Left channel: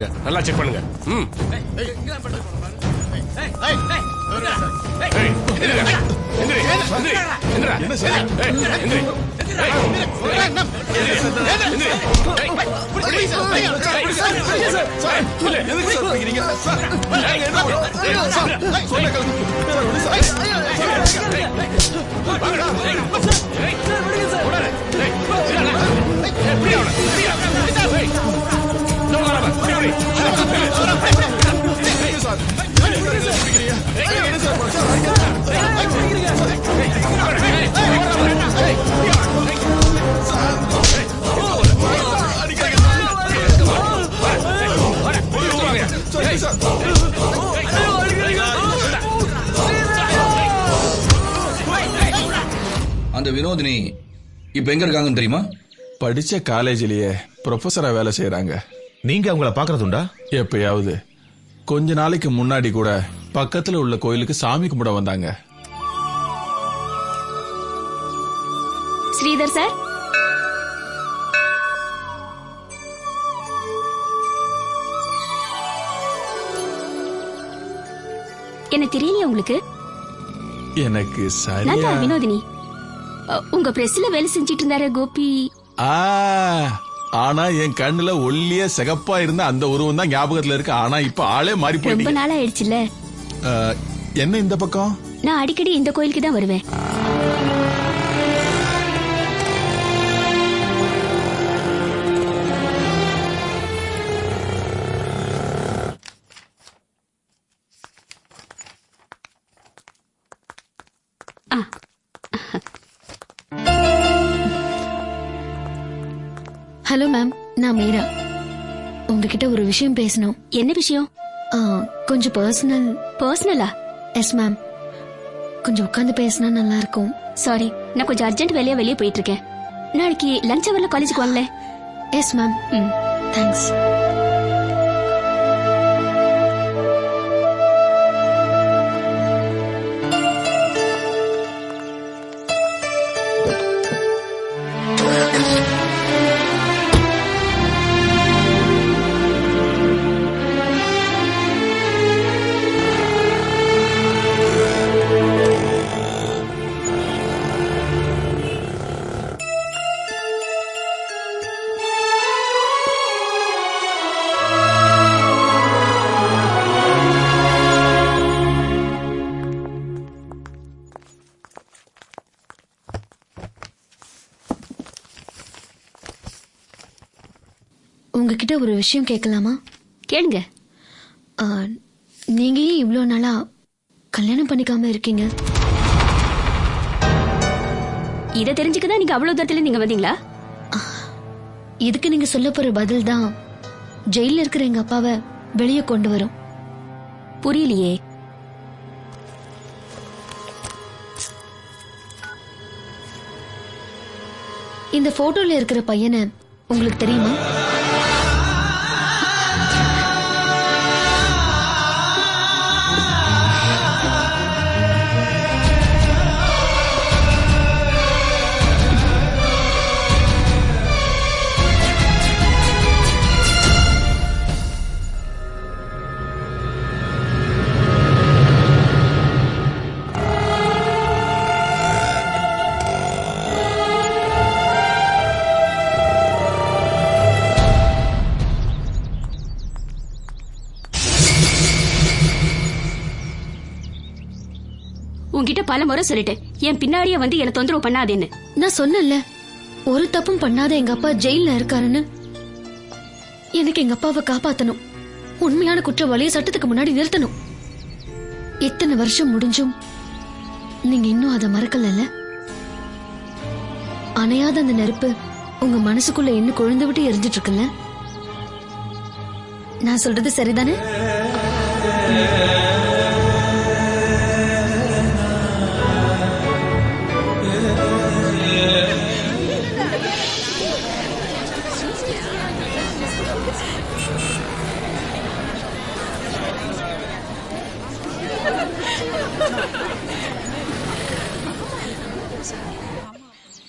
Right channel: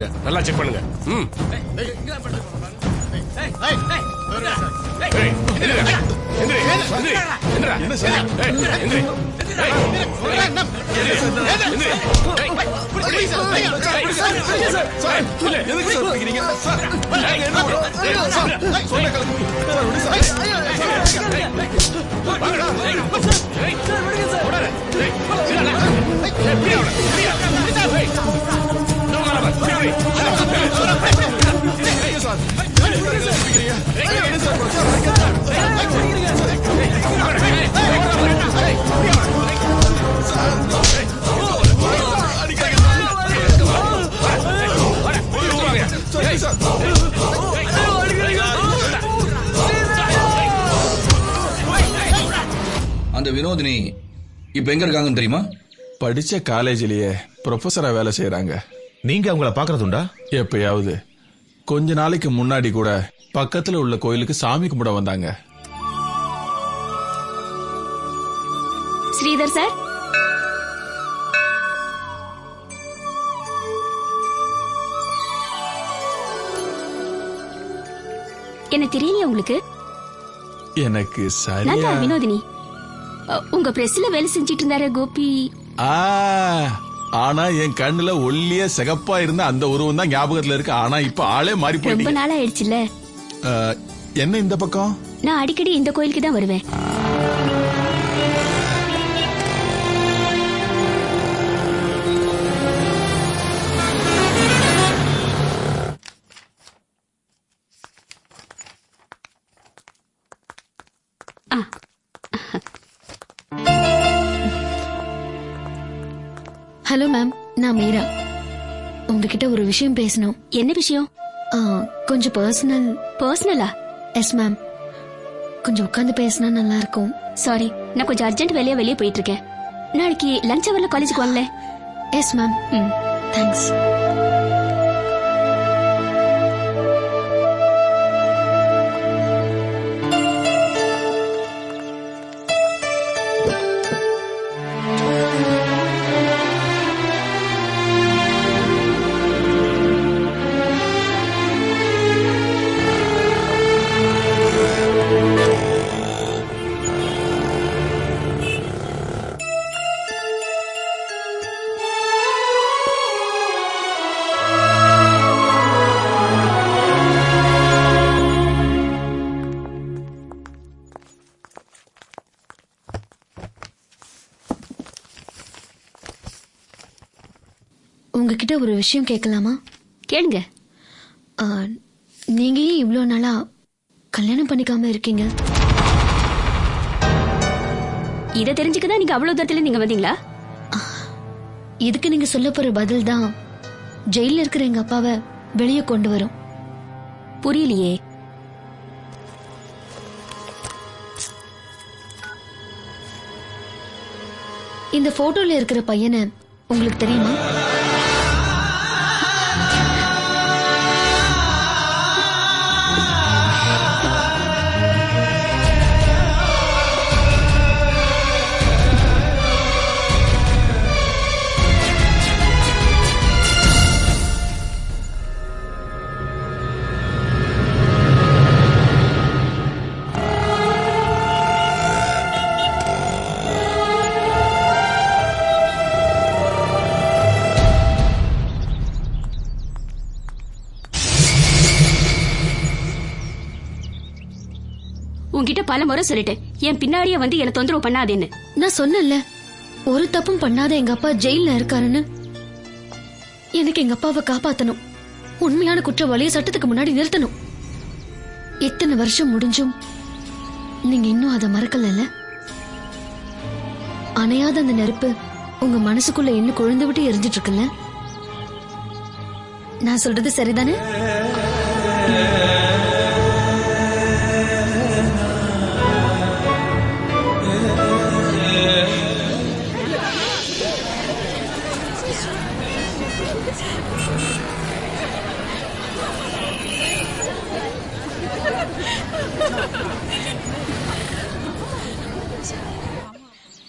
நல்லா செக் பண்ணுங்க. அந்த வினோதினி இப்ப எங்க இருக்காங்கன்னு தெரியுமா? படிச்ச காலேஜிலேயே ப்ரொஃபஸரா வேலை செய்யறாங்க. நீங்க அவங்கள பாக்குறதுண்டா? எப்பயாவது. கொஞ்ச நாளைக்கு முன்னாடி கூட பக்கத்துல உள்ள கோயிலுக்கு சாமி கும்பிட வந்தாங்க. ஸ்ரீதர் சார், என்ன தெரியலையா உங்களுக்கு? எனக்கு நான் சரியா தான் வினோதினி. உங்க பிரஸ்ல வேலை செஞ்சிட்டு இருந்தாரு கோபி. ஆனா என் கண்ணுல ஒல்லிய சிகப்பா இருந்த அந்த உருவம் தான் ஞாபகத்துல இருக்கு. ஆனா இப்ப ஆளே மாறி ரொம்ப போயிடுச்சு. நாள் ஆயிடுச்சுல்ல. என்ன இந்த பக்கம்? நான் அடிக்கடி இந்த கோயிலுக்கு தான் வருவேன். ஹலோ மேம், நான் மீரா. உங்ககிட்ட ஒரு விஷயம் பேசணும். என்ன விஷயம்? கொஞ்சம் பர்சனல். பர்சனலா? எஸ் மேம், கொஞ்சம் உட்காந்து பேசினா நல்லா இருக்கும். சாரி, நான் கொஞ்சம் அர்ஜென்ட் வேலையா வெளியே போயிட்டு இருக்கேன். நாளைக்கு லஞ்ச் அவர்ல காலேஜுக்கு வாங்களே. Yes ma'am. தேங்க்ஸ். உங்ககிட்ட ஒரு விஷயம் கேட்கலாமா? கேளுங்க. நீங்க ஏன் இவ்வளோ நாளா கல்யாணம் பண்ணிக்காம இருக்கீங்க? இதை தெரிஞ்சுக்கதான் நீங்க அவ்வளவு தூரத்துல நீங்க வந்தீங்களா? இதுக்கு நீங்க சொல்ல போற பதில் தான் ஜெயில இருக்கிற எங்க அப்பாவை வெளியே கொண்டு வரும். புரியலையே. இந்த போட்டோல இருக்கிற பையனை உங்களுக்கு தெரியுமா? உன்கிட்ட பல முறை சொல்லிட்டேன், என் பின்னாடியே வந்து என்ன தொந்தரவு பண்ணாதேன்னு. நான் சொன்னேன்ல, ஒரு தப்பும் பண்ணாத எங்க அப்பா ஜெயில இருக்காருன்னு. எனக்கு எங்க அப்பாவை காப்பாத்தணும். உண்மையான குற்றவாளியை சட்டத்துக்கு முன்னாடி நிறுத்தணும். இத்தனை வருஷம் முடிஞ்சும் நீங்க இன்னும் அதை மறக்கல. அணையாத அந்த நெருப்பு உங்க மனசுக்குள்ள இன்னும் கொழுந்து விட்டு எரிஞ்சிட்டு இருக்குல்ல. நான் சொல்றது சரிதானே?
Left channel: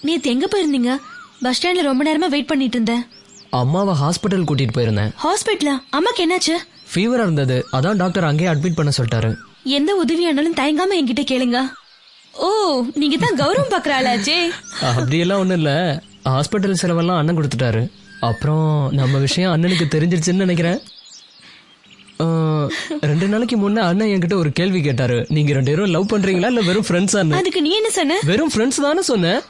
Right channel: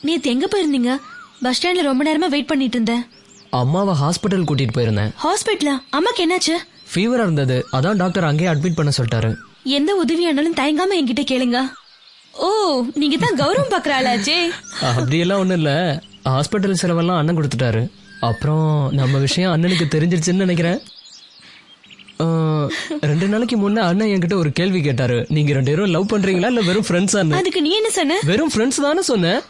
நேத்து எங்க போயிருந்தீங்க? பஸ் ஸ்டாண்ட்ல ரொம்ப நேரமா வெயிட் பண்ணிட்டு இருந்தேன். அம்மாவை ஹாஸ்பிட்டல் கூட்டிட்டு போயிருந்தேன். ஹாஸ்பிட்டலா? அம்மாக்கு என்னாச்சு? ஃபீவரா இருந்தது, அதான் டாக்டர் அங்கேயே அட்மிட் பண்ண சொல்லிட்டாரு. எந்த உதவியானாலும் தயங்காம என்கிட்ட கேளுங்க. ஓ, நீங்க தான் கௌரவம் பாக்குறாளாச்சே. அப்படியெல்லாம் ஒண்ணும் இல்ல, ஹாஸ்பிட்டல் செலவெல்லாம் அண்ணன் கொடுத்துட்டாரு. அப்புறம் நம்ம விஷயம் அண்ணனுக்கு தெரிஞ்சிருச்சுன்னு நினைக்கிறேன். 2 நாளைக்கு முன்ன அண்ணன் என்கிட்ட ஒரு கேள்வி கேட்டாரு, நீங்க 2 பேரும் லவ் பண்றீங்களா இல்ல வெறும் ஃப்ரெண்ட்ஸா? அதுக்கு நீ என்ன சொன்ன? வெறும் ஃப்ரெண்ட்ஸ் தானே சொன்னேன்.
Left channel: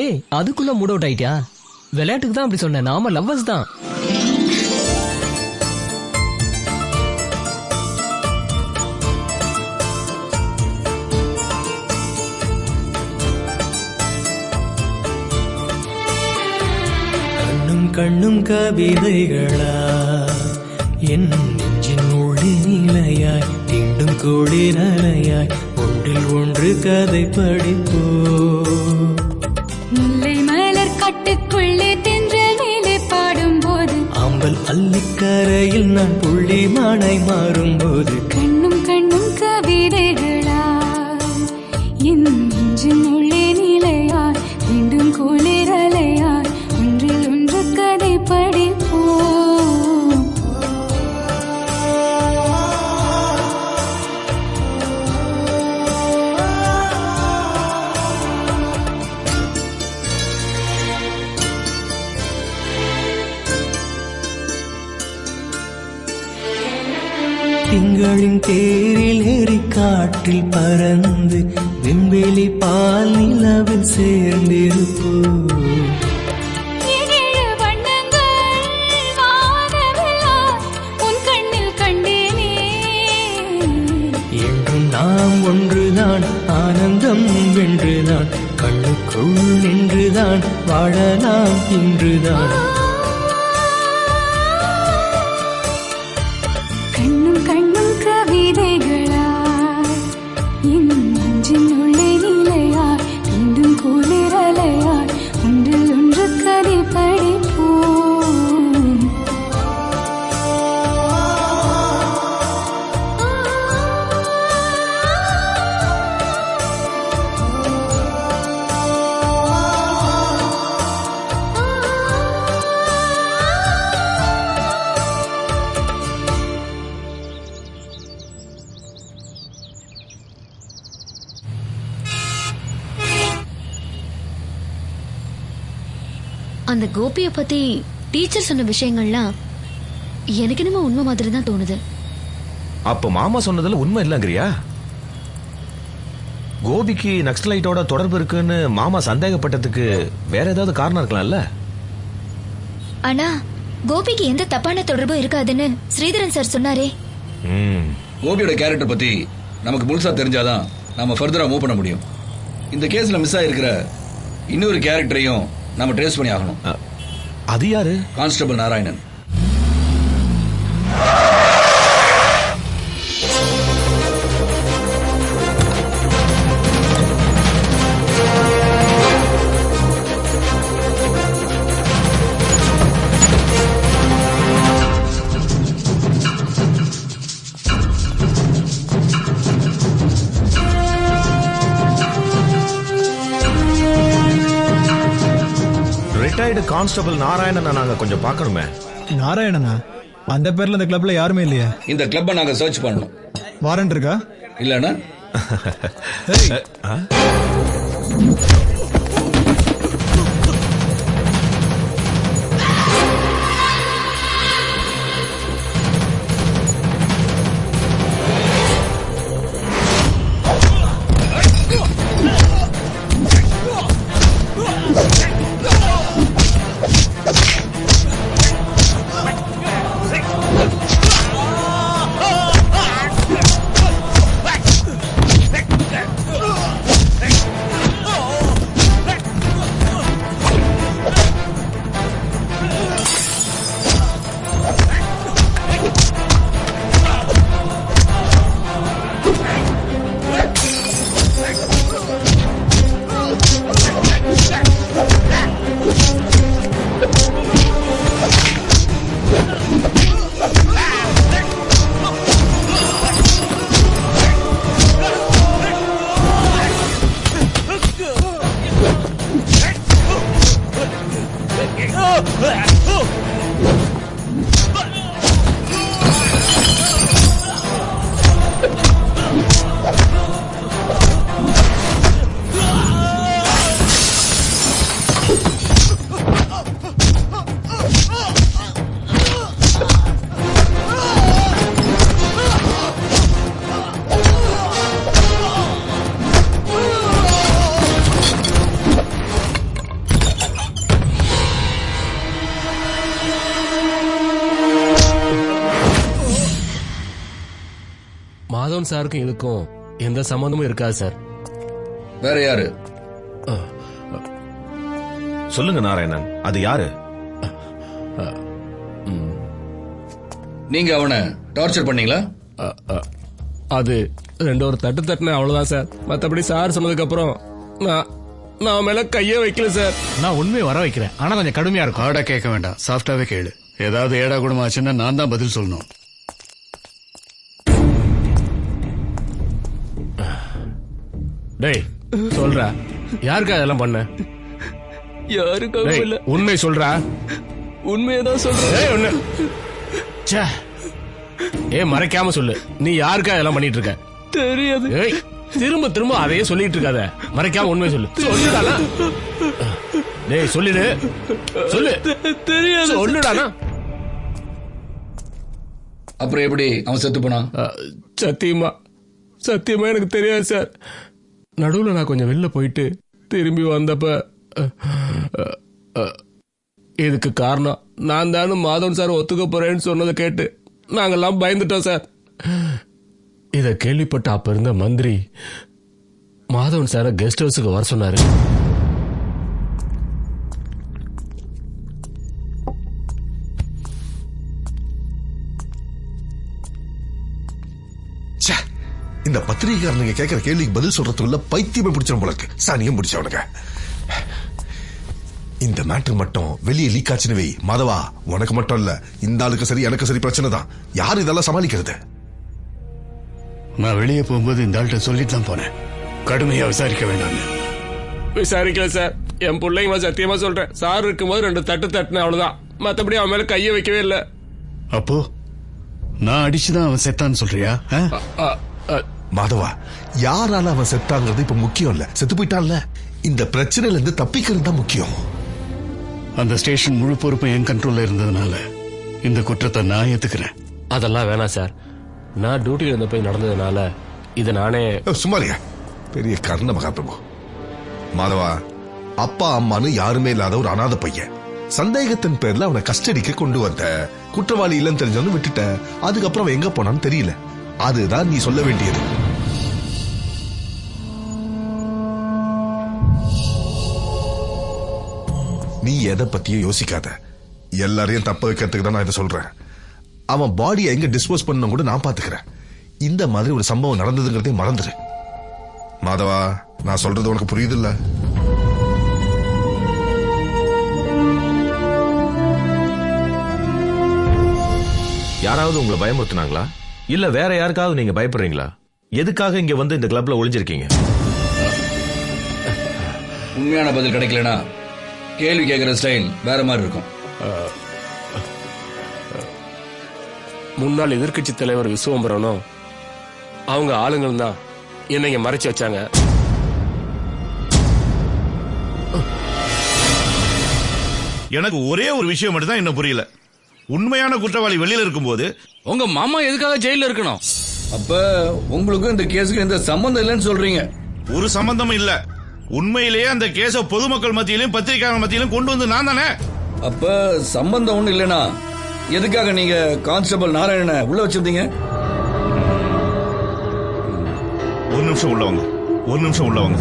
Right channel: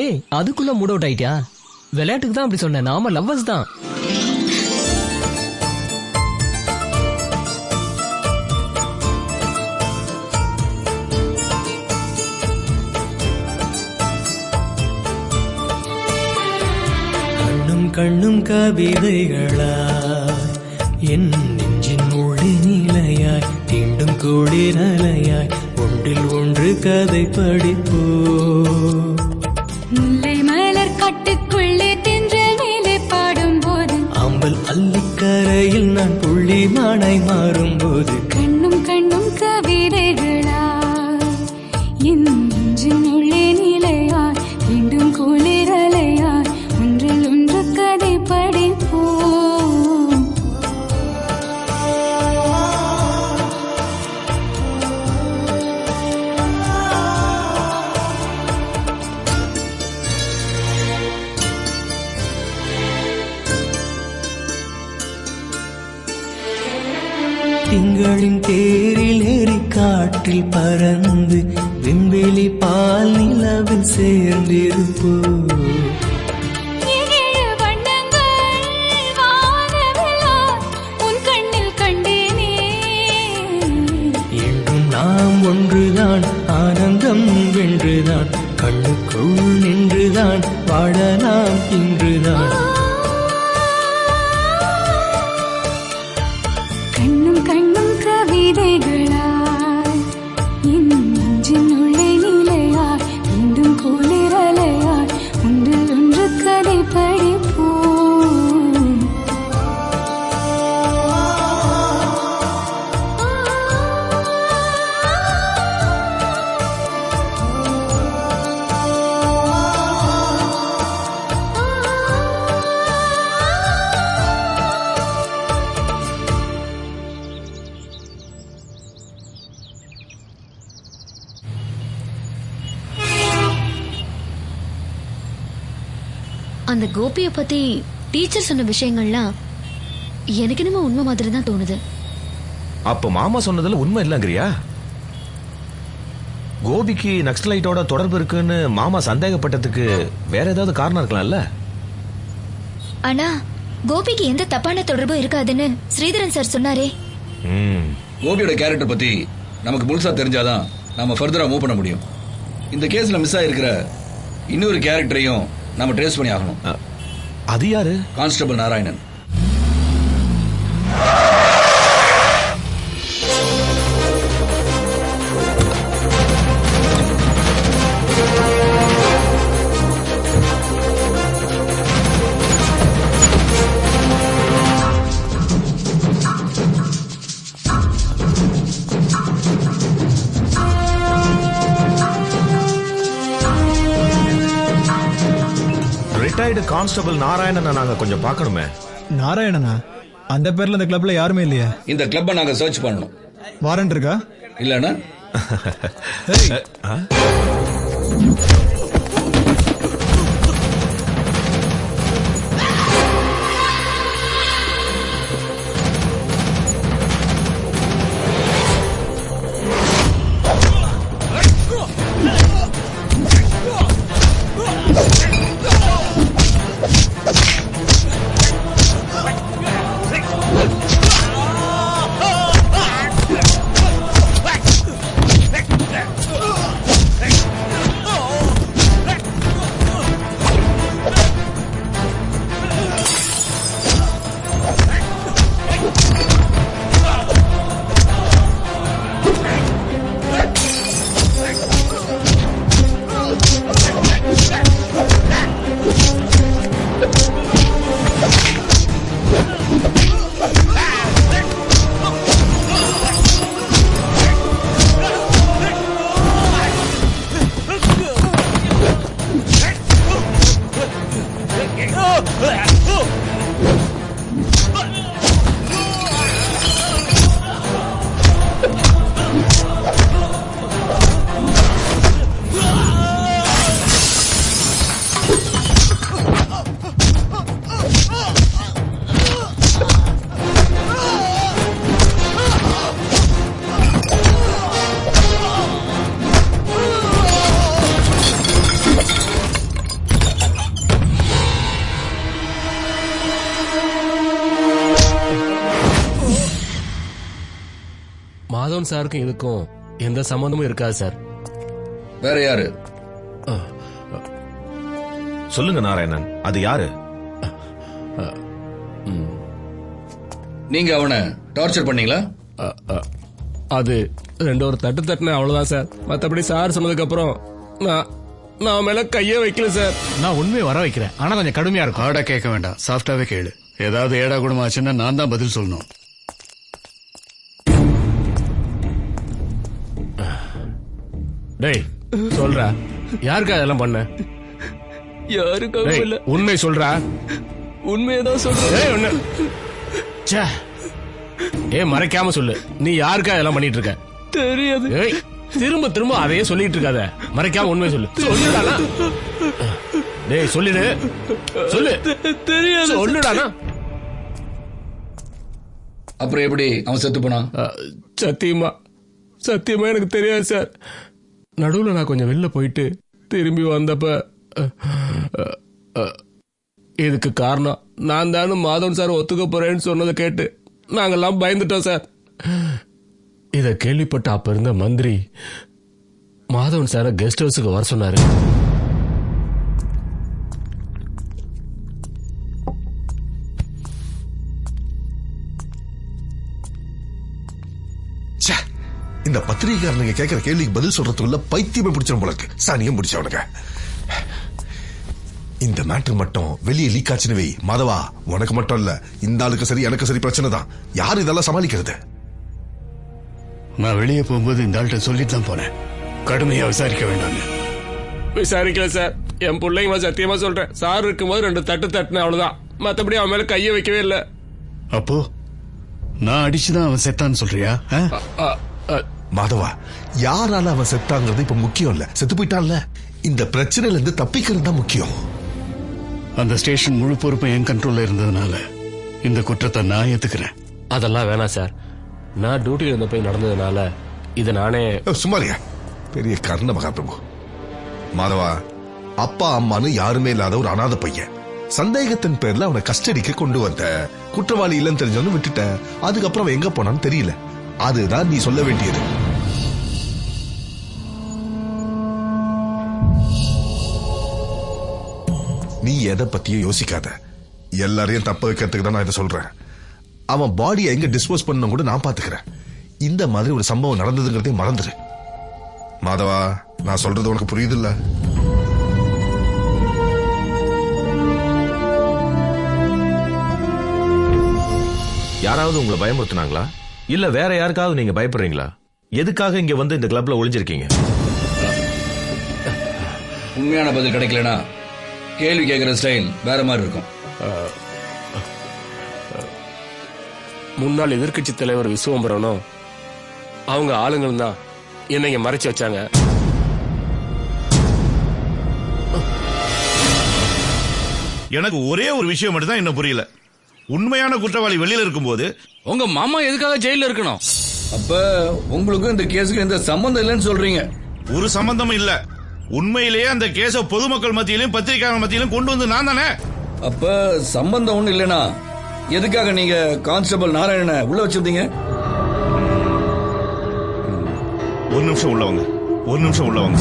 ஏய், அதுக்குள்ள மூட் அவுட் ஆயிட்டியா? விளையாட்டுக்கு தான் அப்படி சொன்னேன், நாம லவ்வர்ஸ் தான். கண்ணும் கண்ணும் கவிதைகளாய் என் நெஞ்சின் உள்ளே நிலையாய் தீண்டும் குளிரலையாய் ஒன்றில் ஒன்று கதை படிப்போ. முல்லை மலர் காட்டுக்குள்ளே தென்றல் மேலே பாடும்போது, அம்பல் அள்ளிக்கரையில் நான் புள்ளி மானாய் மாறும்போது, கண்ணும் கண்ணும் கவிதைகளாய் என் நெஞ்சின் உள்ளே நிலையாய் மீண்டும் குளிரலையாய் ஒன்றில் ஒன்று கதை படிப்போம். திங்களின் தேரில் ஏறி காற்றில் பறந்து விண்வெளி பால் நிலவில் சேர்ந்திருப்போ. என்றும் நாம் ஒன்றுதான், ஆனந்தம் வென்றுதான், கண்ணுக்குள் நின்றுதான் வாழலாம் இன்றுதான். கண்ணும் கண்ணும் கவிதைகளாய் என் நெஞ்சின் உள்ளே நிலையாய் மீண்டும் குளிரலையாய் ஒன்றில் ஒன்று கதை படிப்போம். அந்த கோபிய பத்தி டீச்சர் சொன்ன விஷயங்கள்லாம் எனக்கு என்னமோ உண்மை மாதிரி தான் தோணுது. அப்ப மாமா சொன்னதுல உண்மை இல்லங்கிறியா? கோபிக்கு நக்சலைட்டோட தொடர்பு இருக்குன்னு மாமா சந்தேகப்பட்டதுக்கு வேற ஏதாவது காரணம் இருக்கலாம்ல? ஆனா கோபிக்கு எந்த தப்பான தொடர்பும் இருக்காதுன்னு ஸ்ரீதரன் சார் சொன்னாரே. கோபியோட கேரக்டர் பத்தி நமக்கு முழுசா தெரிஞ்சாதான் நாம ஃபர்தரா மூவ் பண்ண முடியும். இந்த கேஸ்ல மிஸ் ஆயிருக்கிற இன்னொரு கேரக்டரையும் நாம ட்ரேஸ் பண்ணி ஆகணும். அது யாரு? கான்ஸ்டபிள் நாராயணன். ரிட்டையர்டு கான்ஸ்டபிள் நாராயணனை நாங்க கொஞ்சம் பார்க்கணுமே. நாராயணனா? அந்த பேர்ல இந்த கிளப்ல யாருமே இல்லையா? இந்த கிளப்பை நாங்க சர்ச் பண்ணணும். வாரண்ட் இருக்கா? இல்லனா மாதவன் சாருக்கும் இதுக்கும் எந்த சம்பந்தமும் இருக்காது சார். வேற யாரு? சொல்லுங்க நாராயணன், அது யாரு? நீங்க அவனை டார்ச்சர் பண்ணீங்களா? அது ஒரு தட்டு தட்டின அவ்வளவுதான் சார். மத்தபடி சார் சொன்னதுக்கு அப்புறம் நான் மேல கையே வைக்கல சார். நான் உண்மையை வர வைக்கிறேன், ஆனா கொஞ்சம் கடுமையா இருக்கும். ஆடா கேட்க வேண்டாம், சாஃப்டாவே கேளு. ஏதாவது ஏடா குணம் ஆச்சுன்னா நான் தான் பதில் சொல்லணும். டேய் சொல்றா, யாருக்கா இதெல்லாம் பண்ண? யாருக்காக இல்ல, உண்மை சொல்றா. உண்மையதான் சொல்றேன். மறைக்காம சொல்லு, நீ யாருக்கா இதெல்லாம் பண்ணிட்டு இருக்க? தெரியாது. திரும்ப திரும்ப அதையே சொல்லிட்டு இருக்காத, மறைக்காம உண்மை சொல்லு. சொல்லுடானா? டேய் சொல்லிடு, சொல்லு. தெரியாது. சொல்லுடானா? அப்புறம் எப்படி அவன் செத்து போனான்? சத்தியமா எனக்கு தெரியாது சார். நடுவுல நான் கொஞ்சம் வெளில போயிட்டு திரும்பி வந்தப்ப இதுக்கு காரணம் நான் தானு மாதவன் சார் ஒத்துக்க போறேன்னு சொன்னதை கேட்டு நாங்கெல்லாம் பயந்துட்டோம் சார். இத கேள்விப்பட்ட அப்ப இருந்த மந்திரி மாதவன் சார கெஸ்ட் ஹவுஸுக்கு வர சொன்னாரு. இந்த பத்திரிகைக்காரனுங்க கேட்கிற கேள்விக்கு பதில் சொல்றதுக்குள்ள பைத்தியமே பிடிச்சிடும் போல இருக்கு. சாணியம் பிடிச்சவனுங்க. இந்த மேட்டர் மட்டும் வெளியே லீக் ஆச்சுன்னு வை மாதவா, உனக்கு மட்டும் இல்ல, இந்த ஆளுக்கு சரி எனக்கு சரி பிரச்சனை தான். யாரு இதெல்லாம் சமாளிக்கிறது? நான் வெளியே போகும்போது இந்த ஆள்கிட்ட சொல்லிட்டு தான் போனேன், கடுமையா விசாரிக்க வேண்டாம்னு. விசாரிக்கல சார். என் பிள்ளைங்க சத்தியமா சொல்றேன், சார் இருக்கும்போது 2 தட்டு தட்டுன அவ்வளவுதான். மத்தபடி அவன் மேல கைய வைக்கவே இல்லை. அப்போ நான் அடிச்சுதான் அவன் செத்தான்னு சொல்றியா? மாதவா, யாரால அவன் செத்தாங்கிறது இப்ப முக்கியம் இல்ல, செத்து போயிட்டான்ல. இந்த பிரச்சனையில இருந்து தப்பிக்கிறது தான் முக்கியம். அந்த ஸ்டேஷன் முழு பொறுப்பும் என் கண்ட்ரோல்ல இருந்ததுனால இந்த குற்றத்தை நான் ஏத்துக்கிறேன். அதெல்லாம் வேணாம் சார், நான் டியூட்டில இருந்த போய் நடந்ததுனால இதை நானே. சுமாரியா பெரிய கர்ண மகாபிரபு. மாதவா, அப்பா அம்மானு யாருமே இல்லாத ஒரு அநாத பையன். சந்தேகத்தின் பேர்ல அவனை கஸ்டடிக்கு கொண்டு வந்த, குற்றவாளி இல்லைன்னு தெரிஞ்சவனு விட்டுட்ட. அதுக்கப்புறம் அவன் எங்க போனான்னு தெரியல. அதுதான் நீ சொல்ல வேண்டியது. நீ எதை பத்தியும் யோசிக்காத. எல்லாரையும் தப்ப வைக்கிறதுக்கு தான் நான் இதை சொல்றேன். அவன் பாடியை எங்க டிஸ்போஸ் பண்ண கூட நான் பாத்துக்கிறேன். இந்த மாதிரி ஒரு சம்பவம் நடந்ததுங்கிறதே மறந்துரு. மாதவா, நான் சொல்றது உனக்கு புரியுது இல்ல? யாராவது உங்களை பயமுறுத்தினாங்களா? இல்ல வேற யாருக்காவது நீங்க பயப்படுறீங்களா? எதுக்காக இங்க வந்து இந்த கிளப்ல ஒளிஞ்சிருக்கீங்க? உண்மையான பதில் கிடைக்கலனா கேள்வி கேட்கிற ஸ்டைல் வேற மாதிரி இருக்கும். முன்னாள் எதிர்கட்சி தலைவர் விஸ்வம்பரனும் அவங்க ஆளுங்களும் தான் என்னை இங்க மறைச்சு வச்சாங்க. எனக்கு ஒரே ஒரு விஷயம் மட்டும் தான் இன்னும் புரியல. உண்மையான குற்றவாளி வெளியில இருக்கும்போது உங்க மாமா எதுக்காக ஜெயில இருக்கணும்? அப்ப உங்களுக்கு இந்த கேஸுக்கு எந்த சம்பந்தம் இல்லைன்னு சொல்றீங்க? ஒரு சம்பந்தமும் இல்ல. உண்மையிலேயே அந்த கேஸ பொதுமக்கள் மத்தியிலும் பத்திரிகையாளர் மத்தியிலும் கொண்டு வந்து நான் தானே. அப்ப சம்பந்தம் ஒண்ணு இல்லைனா எதுக்காக நீங்க கான்ஸ்டபிள் நாராயணனை உள்ள வச்சிருந்தீங்க? ஒரு நிமிஷம் உள்ளவங்க.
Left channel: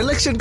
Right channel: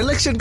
எலெக்ஷன்